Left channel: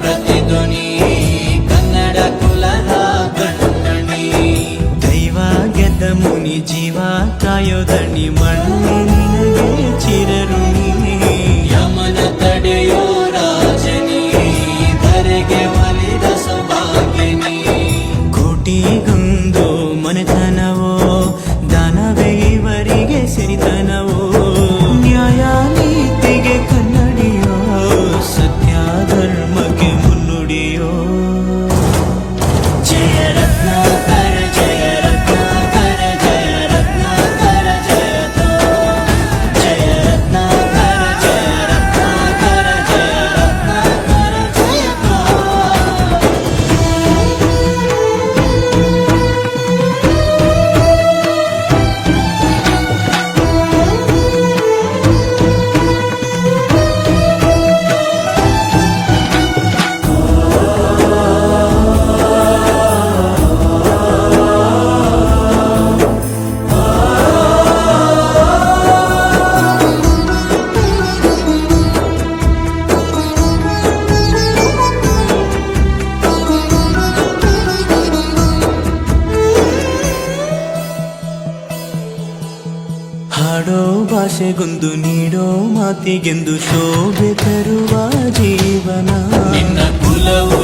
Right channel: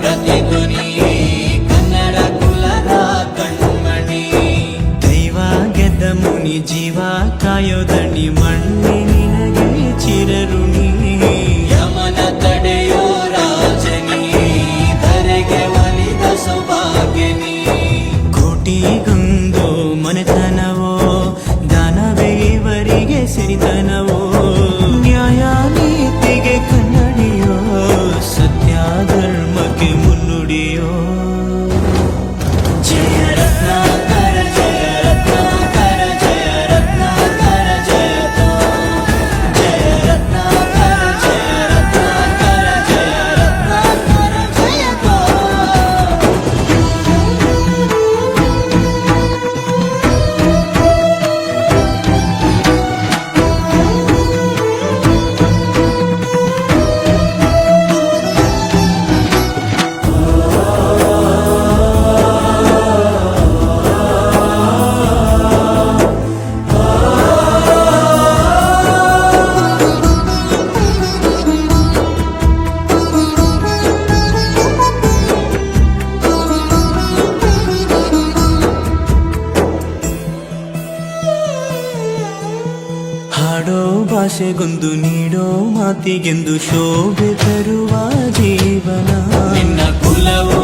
ಪ್ರತಿಧ್ವನಿ ಕನ್ನಡ ಕುಲದ ಕಣ್ಮಣಿ. ದೈವ ಗೆದ್ದ ಮುನಿ ಜೀವ ಕಾಯೋದಣಿ ಮಣ್ಣಿ ನಿನಗೆ ಚಿರಋಣಿ. ಯಮನ ತಡೆಯೋ ರಾಜನಿ ಧರೆಗೆ ಒಲಿದ ಸೌಭಾಗ್ಯನಿ. ಕೋಟಿಗೊಂದು ಮನೆತನವೋ ದಾನವೇ ಇವರಿಗೆ ಸಿರಿತನವೋ. ನ್ಯಾಯ ನೀತಿಗೆ ಕನ್ನಡಿಯೋ ಸತ್ಯ ಧರ್ಮಕ್ಕೆ ಮುನ್ನುಡಿಯೋ. ಜಯ ರತ್ನಾಕರ ಜಯ ರತ್ನಾಕರ ಜಯ ರತ್ನಾಕರ ಜಯತೋ. ಜಯ ರತ್ನಾಕರ ಜಯ ರತ್ನಾಕರ ಜಯ ರತ್ನಾಕರ ಜಯತೋ. ಹಾಡೋ ಭಾಷೆಗೊಂದು ನೀಡೋ ಮಾತಿಗೆಂದು ಶೋಭೆ ತರುವ ಜೀವನ. ನಿನ್ನ ಕುಲವು